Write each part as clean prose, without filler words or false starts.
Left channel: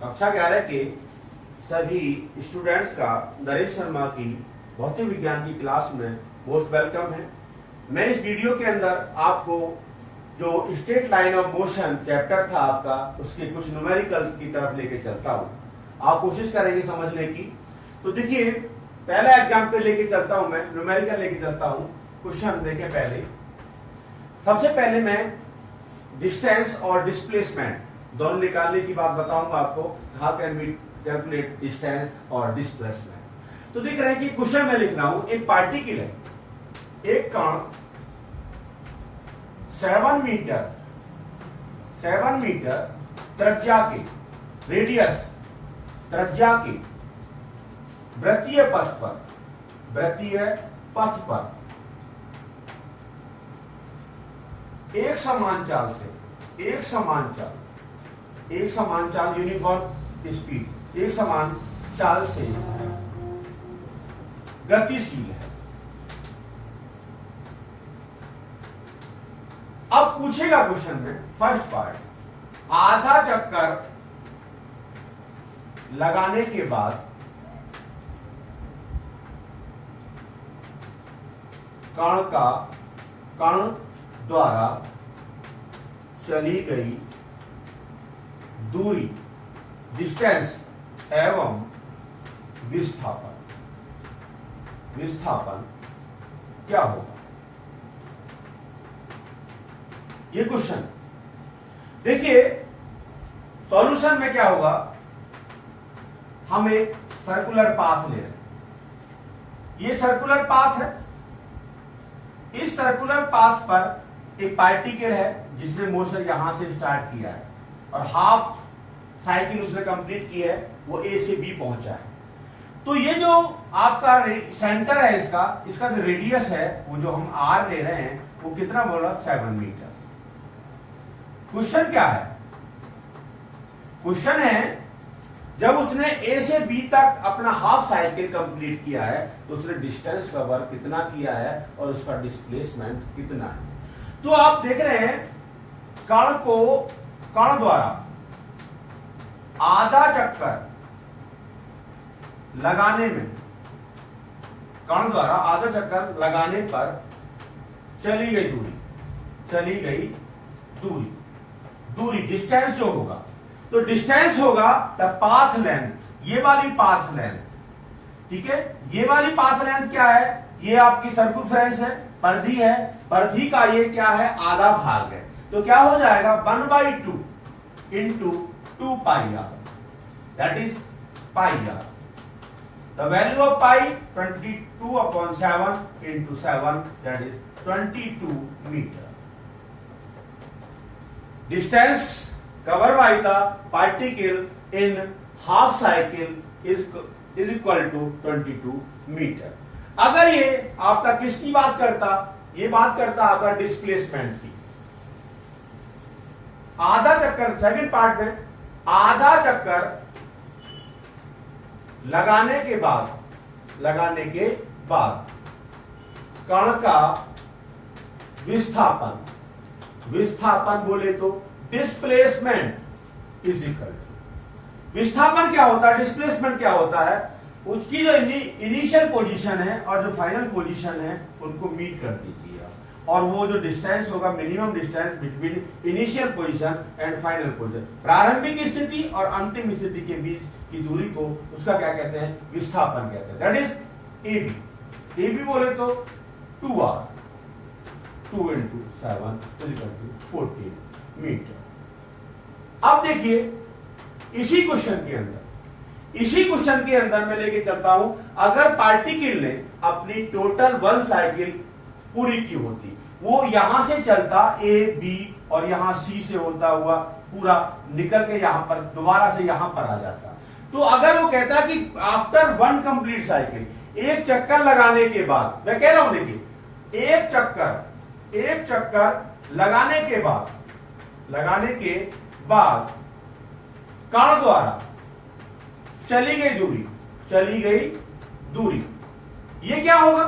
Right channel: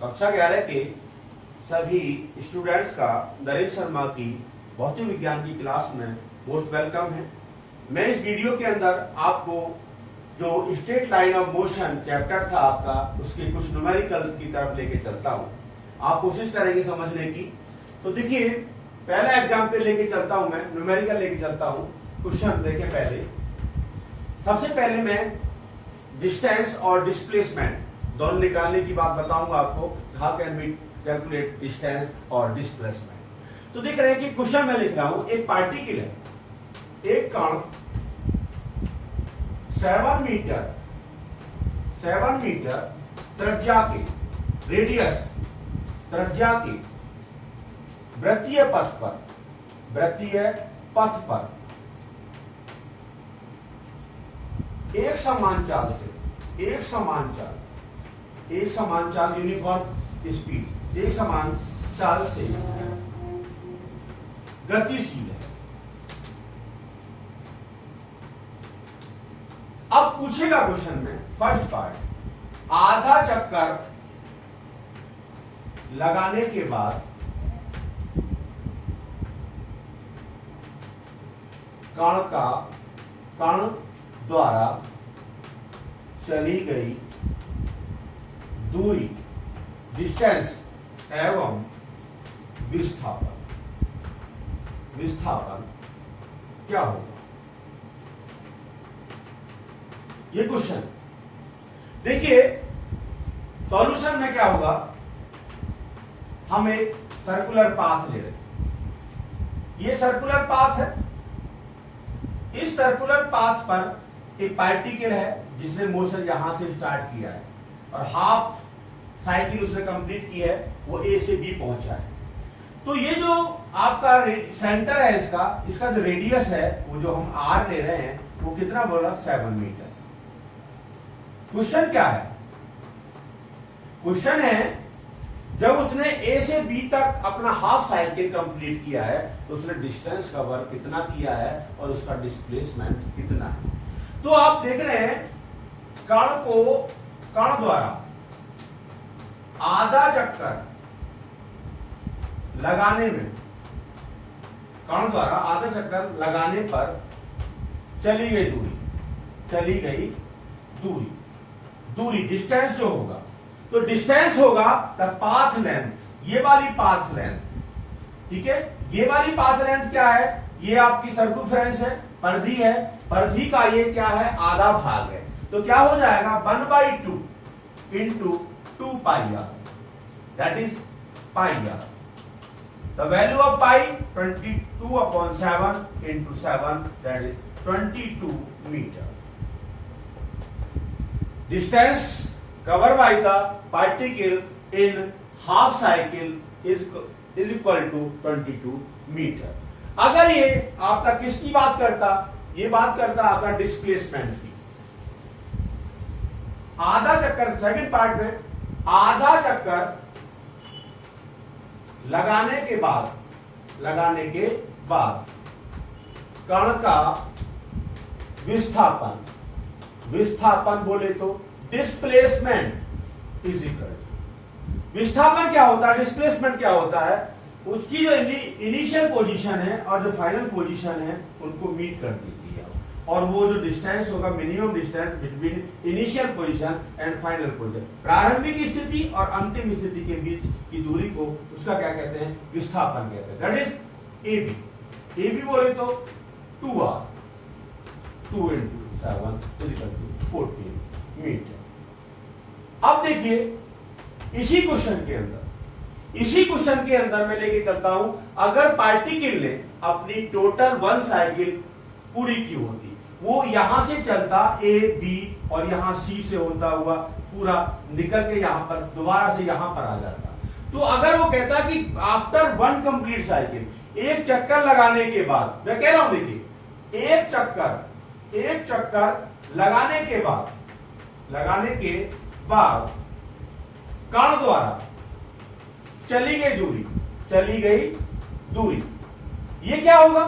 कक्षा 11 के सभी स्टूडेंट्स का नरेश शर्मा की भौतिक विज्ञान की क्लास में मोस्ट वेलकम है। मैं इस वीडियो के अंदर आपको जो straight line of motion chapter था आपका, उसके कुछ न्यूमेरिकल की तरफ लेके चलता हूं। आप कोशिश करेंगे समझने की। तो देखिए, पहला एग्जाम्पल लेके चलता हूं, मैं न्यूमेरिकल लेके चलता हूं। क्वेश्चन देखें पहले। सबसे पहले मैं डिस्टेंस और डिस्प्लेसमेंट दोनों निकालने की बात बताऊंगा आपको। How can we calculate distance और डिस्प्लेसमेंट। तो देख रहे हैं कि क्वेश्चन में लिख रहा हूं, एक पार्टिकल है, एक कण 7 मीटर त्रिज्या के, रेडियस त्रिज्या के वृत्तीय पथ पर एक समान चाल यूनिफॉर्म स्पीड, एक समान चाल से गतिशील है। अब पूछेगा क्वेश्चन में फर्स्ट पार्ट, आधा चक्कर लगाने के बाद कण द्वारा चली गई दूरी, डिस्टेंस एवं विस्थापन क्या होगा? ये क्वेश्चन देखिए, सॉल्यूशन में क्या होगा। हम एक सर्कुलर पाथ ले रहे हैं, ये सर्कुलर पाथ है। इस सर्कुलर पाथ पर एक पार्टिकल है जिसने मोशन यहां से स्टार्ट किया है और हाफ साइकिल उसने कंप्लीट की है, वो ए से बी पहुंचा है। तो ये जो आपका सेंटर है, इसका जो रेडियस है, वो जो हम आर ले रहे हैं, वो कितना बोला? 7 मीटर। क्वेश्चन क्या है? क्वेश्चन है, जब उसने ए से बी तक अपना हाफ साइकिल कंप्लीट किया है, तो उसने डिस्टेंस कवर कितना किया है और उसका डिस्प्लेसमेंट कितना है। तो आप देख रहे हैं, कण द्वारा आधा चक्कर लगाने पर चली गई दूरी डिस्टेंस जो होगा, तो डिस्टेंस होगा द पाथ लेंथ, ये वाली पाथ लेंथ। ठीक है, ये वाली पाथ लेंथ क्या है? ये आपकी सर्कमफ्रेंस है, परिधि है। परिधि का ये क्या है? आधा भाग है। तो क्या हो जाएगा? 1/2 into 2 pi r, that is pi r. The value of pi 22/7 into 7, that is 22 metre. Distance covered by the particle in half cycle is equal to 22 metre. अगर ये आपका किसकी बात करता? ये बात करता आपका डिस्प्लेसमेंट की। आधा चक्कर, सेकंड पार्ट में, आधा चक्कर लगाने के बाद कण का विस्थापन बोले तो डिस्प्लेसमेंट इज इक्वल टू, विस्थापन क्या होता है, डिस्प्लेसमेंट क्या होता है, उसकी जो इनिशियल पोजीशन है और जो फाइनल पोजीशन है, उनको मीट कर दीजिए आप। और वो जो डिस्टेंस होगा, minimum distance between initial position and final position, प्रारंभिक स्थिति और अंतिम स्थिति के बीच की दूरी को, उसका क्या कहते हैं? विस्थापन कहते हैं। दैट इज एबी बोले तो 2r, 2 into 7 is equal to 14 metre. अब देखिए, इसी क्वेश्चन के अंदर मैं लेके चलता हूं, अगर पार्टिकल ने अपनी टोटल 1 साइकिल पूरी की होती, वो यहां से चलता ए बी और यहां सी से होता हुआ पूरा निकल के यहां पर दोबारा से यहां पर आ जाता। तो अगर वो कहता कि आफ्टर 1 कंप्लीट साइकिल, एक चक्कर लगाने के बाद, मैं कह रहा हूं देखिए, एक चक्कर लगाने के बाद कण द्वारा चली गई दूरी, ये क्या होगा?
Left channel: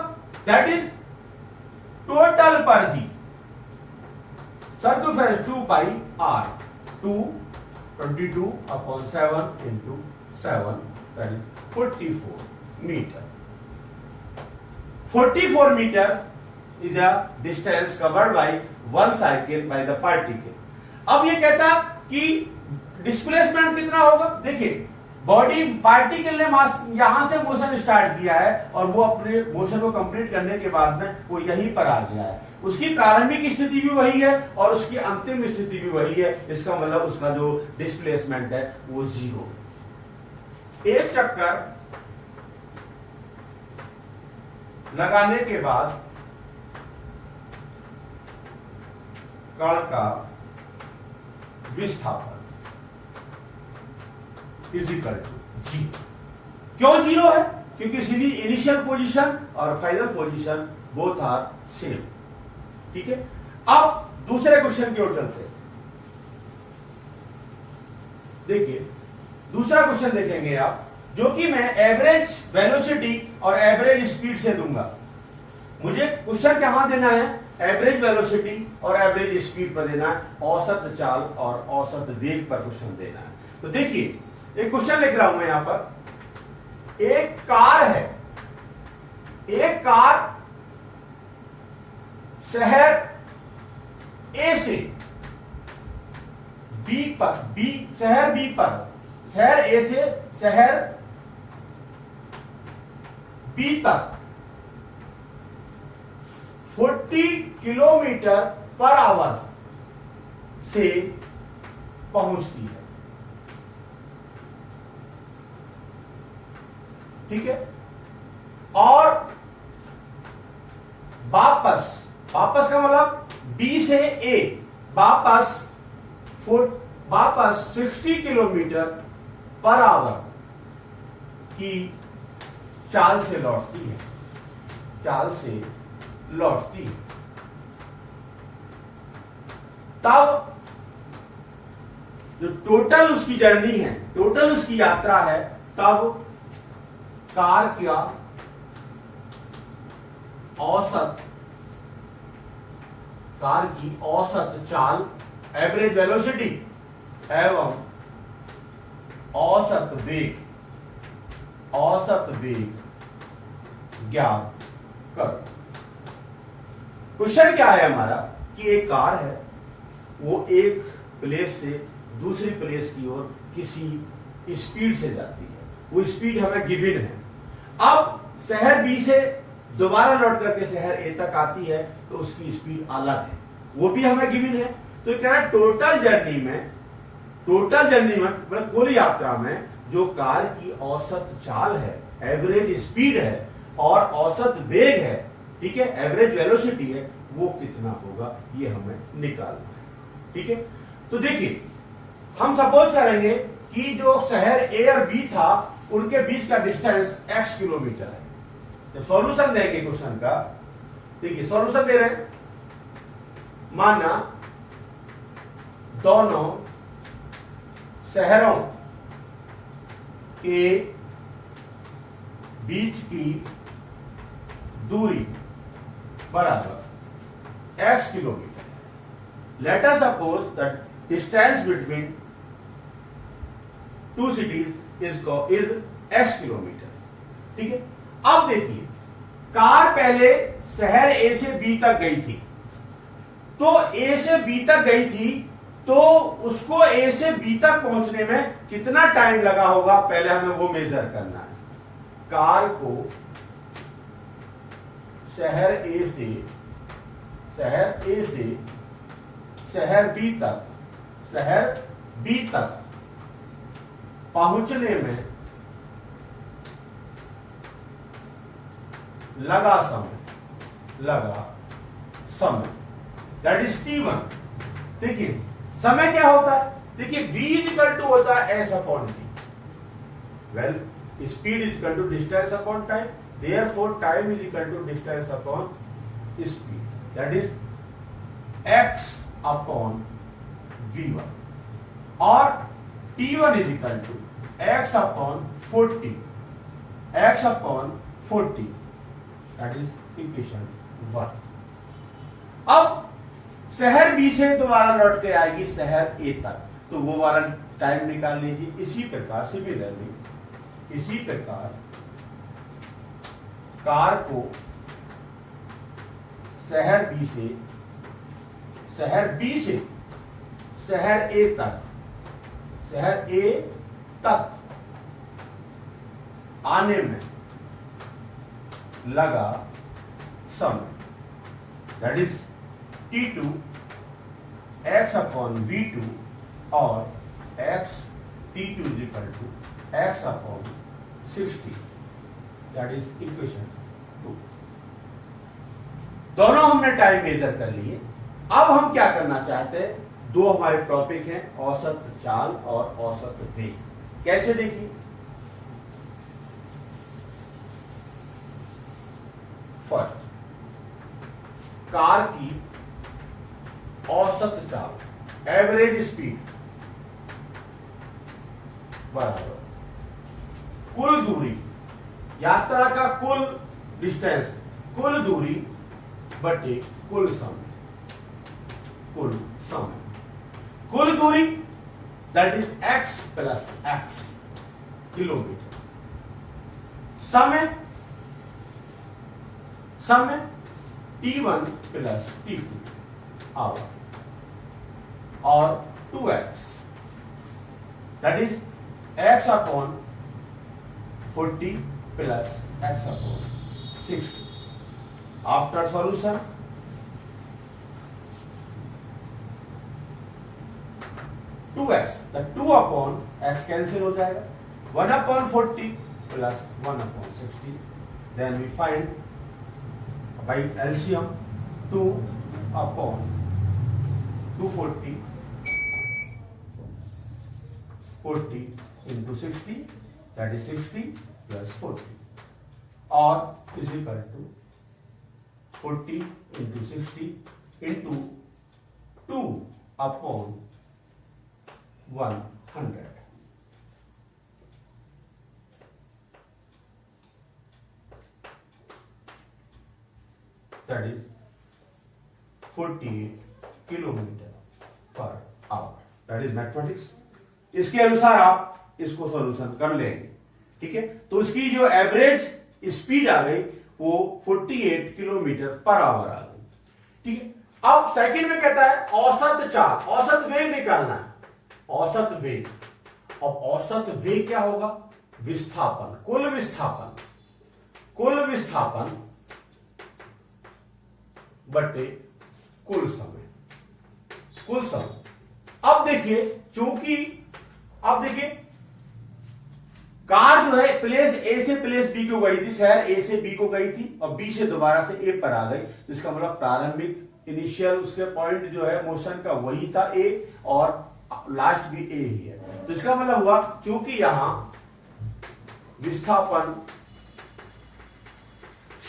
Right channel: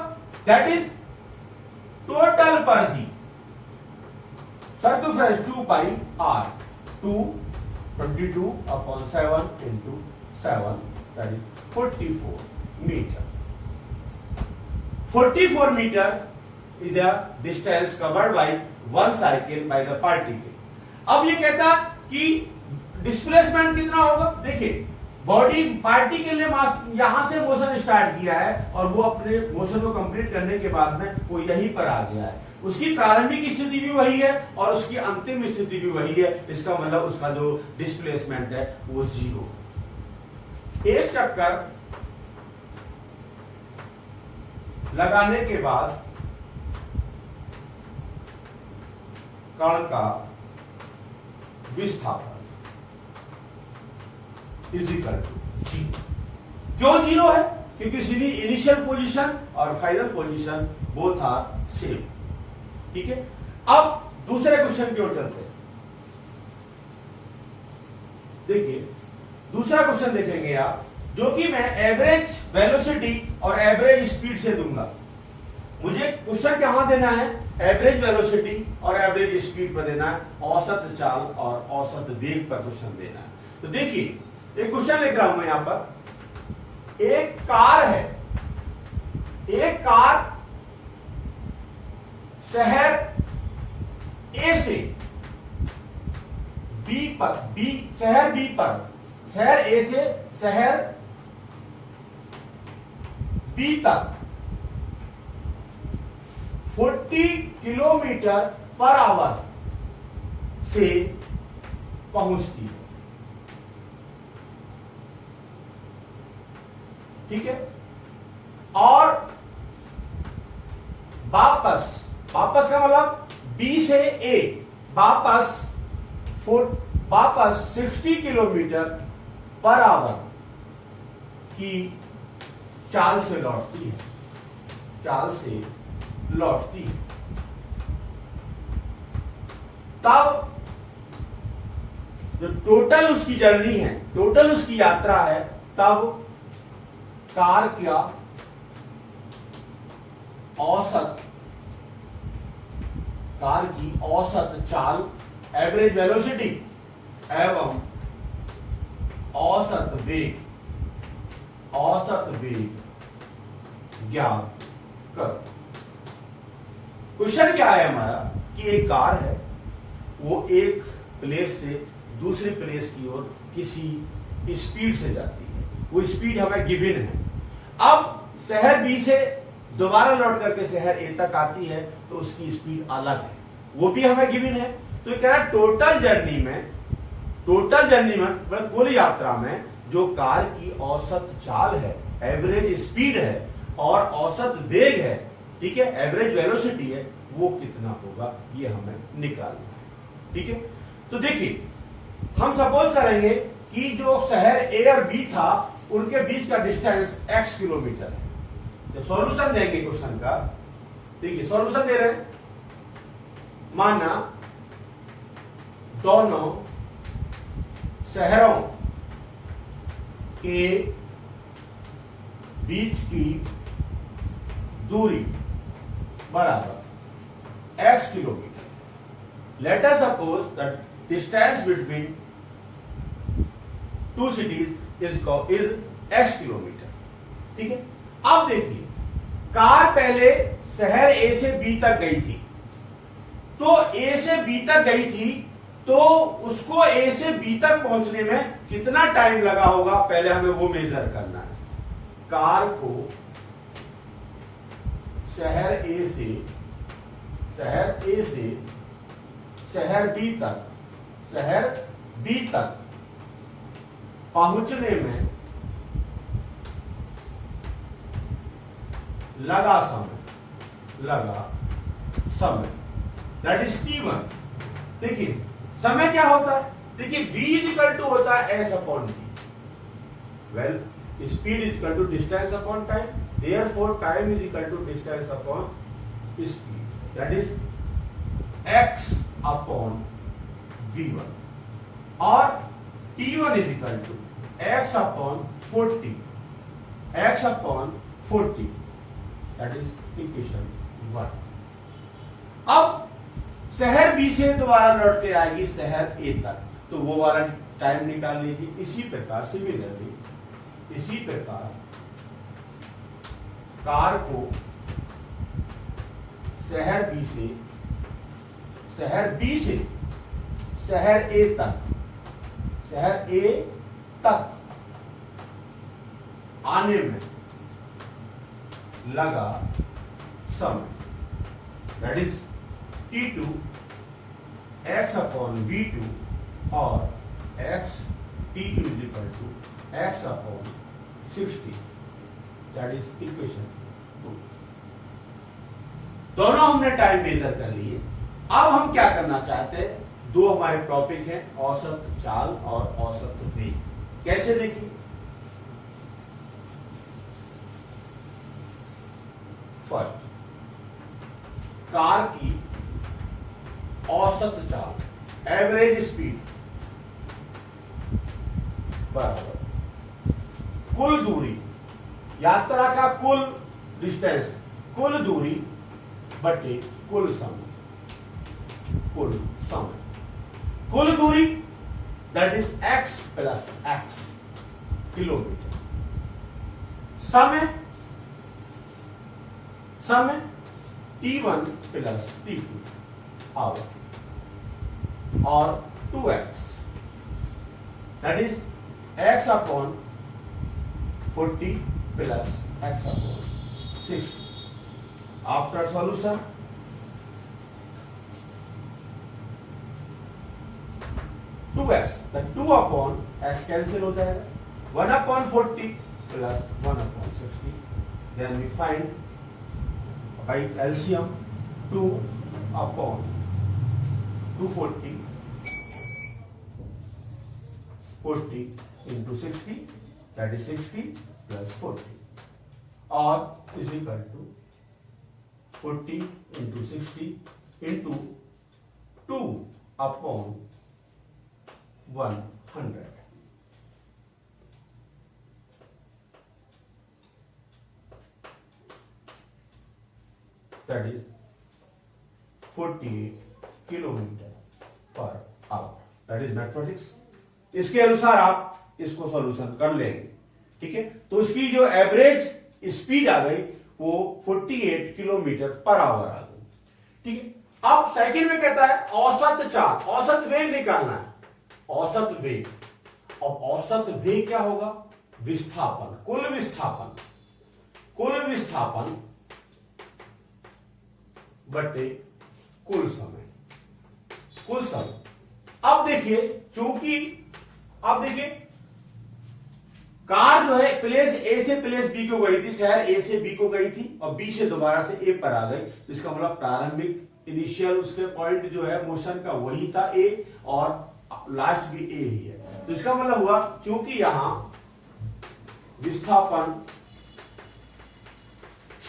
दैट इज टोटल परिधि, circumference 2 pi are, 2 22/7 into 7, that is 44 meter. 44 meter is the distance covered by one cycle by the particle. अब ये कहता कि डिस्प्लेसमेंट कितना होगा। देखिए, बॉडी पार्टिकल ने मास यहां से मोशन स्टार्ट किया है और वो अपने मोशन को कंप्लीट करने के बाद में वो यहीं पर आ गया है। उसकी प्रारंभिक स्थिति भी वही है और उसकी अंतिम स्थिति भी वही है। इसका मतलब उसका जो डिस्प्लेसमेंट है वो 0। एक चक्कर लगाने के बाद कण का विस्थापन इजिकल टू 0। क्यों 0 है? क्योंकि सीधी इनिशियल पोजीशन और final position both are same. ठीक है, अब दूसरे क्वेश्चन की ओर चलते हैं। देखिए, दूसरा क्वेश्चन देखेंगे आप, जो कि मैं एवरेज वेलोसिटी और एवरेज स्पीड से दूंगा। मुझे क्वेश्चन कहां देना है? एवरेज वेलोसिटी और एवरेज स्पीड पर देना है, औसत चाल और औसत वेग पर क्वेश्चन देना है। तो देखिए, एक क्वेश्चन लिख रहा हूं मैं यहां पर। एक कार है, एक कार शहर ए से बी पर, शहर ए से शहर बी तक 40 किलोमीटर पर आवर से पहुंचती है। ठीक है, और वापस का मतलब बी से ए वापस 60 किलोमीटर पर आवर की चाल से लौटती है। तब जो टोटल उसकी जर्नी है, टोटल उसकी यात्रा है, तब कार का कार की औसत चाल, एवरेज वेलोसिटी एवं औसत वेग ज्ञात करो। क्वेश्चन क्या है हमारा कि एक कार है, वो एक प्लेस से दूसरी प्लेस की ओर किसी स्पीड से जाती है। वो स्पीड हमें गिवन है। अब शहर बी से दोबारा लौट करके शहर ए तक आती है, तो उसकी स्पीड अलग है, वो भी हमें गिवन है। तो कह रहा है टोटल जर्नी में मतलब कुल यात्रा में जो कार की औसत चाल है, एवरेज स्पीड है और औसत वेग है, ठीक है, एवरेज वेलोसिटी है, वो कितना होगा, ये हमें निकालना है। ठीक है, तो देखिए, हम सपोज करेंगे कि जो शहर ए और बी था उनके बीच का डिस्टेंस x किलोमीटर है। जब सॉल्यूशन देंगे क्वेश्चन का, देखिए सॉल्यूशन दे रहे हैं, माना दोनों शहरों के बीच की दूरी बराबर x kilometre. Let us suppose that distance between two cities is x kilometre. ठीक है, अब देखिए, कार पहले शहर ए से बी तक गई थी, तो ए से बी तक गई थी, तो उसको ए से बी तक पहुंचने में कितना टाइम लगा होगा, पहले हमें वो मेजर करना है। कार को शहर ए से शहर बी तक पहुंचने में लगा समय दैट इज T1। देखिए समय क्या होता है, देखिए v इक्वल टू होता है s upon t। Well, speed is equal to distance upon time, therefore time is equal to distance upon speed, that is x upon v1, और T1 is equal to x upon 40, that is equation 1। अब शहर B से दोबारा लौट के आएगी शहर ए तक, तो वो वाला टाइम निकाल लीजिए। इसी प्रकार सिमिलरली, इसी प्रकार कार को शहर बी से शहर ए तक आने में लगा समय, that is T2 x upon V2 और T2 is equal to x upon 60, that is equation 2। दोनों हमने टाइम मेजर कर लिए। अब हम क्या करना चाहते हैं, दो हमारे टॉपिक हैं, औसत चाल और औसत वेग। कैसे देखिए, फर्स्ट, कार की औसत चाल, एवरेज स्पीड बराबर कुल दूरी, यात्रा का कुल डिस्टेंस, कुल दूरी बटे कुल समय, कुल दूरी that is x plus x kilometre, समय T1 प्लस T2 आवर और 2x that is x upon 40 plus x upon 60। After solution, two x, two upon x cancel हो जाएगा, 1 upon 40 plus 1 upon 60, then we find by LCM 2 upon 240, 40 into 60 that is 60 plus 40 और is equal to 40 into 60 into 2 upon 100, that is 48 kilometre per hour, that is mathematics. इसके अनुसार आप इसको solution कर लेंगे, ठीक है। तो इसकी जो एवरेज स्पीड आ गई वो 48 किलोमीटर पर आवर आ गई, ठीक है। अब सेकंड में कहता है औसत चाल, औसत वेग निकालना है, औसत वेग। अब औसत वेग क्या होगा, विस्थापन, कुल विस्थापन बटे कुल समय। अब देखिए, चूंकि अब देखिए कार जो है प्लेस ए से प्लेस बी को गई थी, शहर ए से बी को गई थी और बी से दोबारा से ए पर आ गई, तो इसका मतलब प्रारंभिक इनिशियल उसके पॉइंट जो है मोशन का वही था ए और लास्ट भी ए ही है। तो इसका मतलब हुआ चूंकि यहां विस्थापन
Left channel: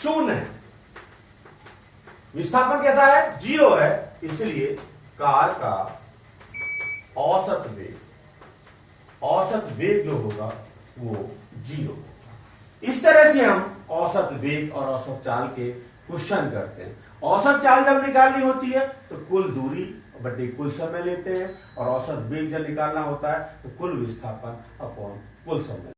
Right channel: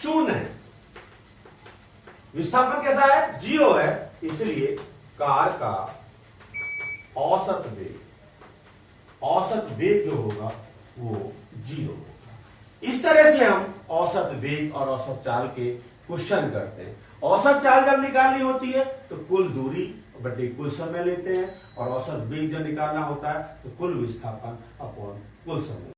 शून्य है, विस्थापन कैसा है, 0 है, इसलिए कार का औसत वेग जो होगा वो 0 होगा। इस तरह से हम औसत वेग और औसत चाल के क्वेश्चन करते हैं। औसत चाल जब निकालनी होती है तो कुल दूरी बटे कुल समय लेते हैं और औसत वेग जब निकालना होता है तो कुल विस्थापन अपॉन कुल समय।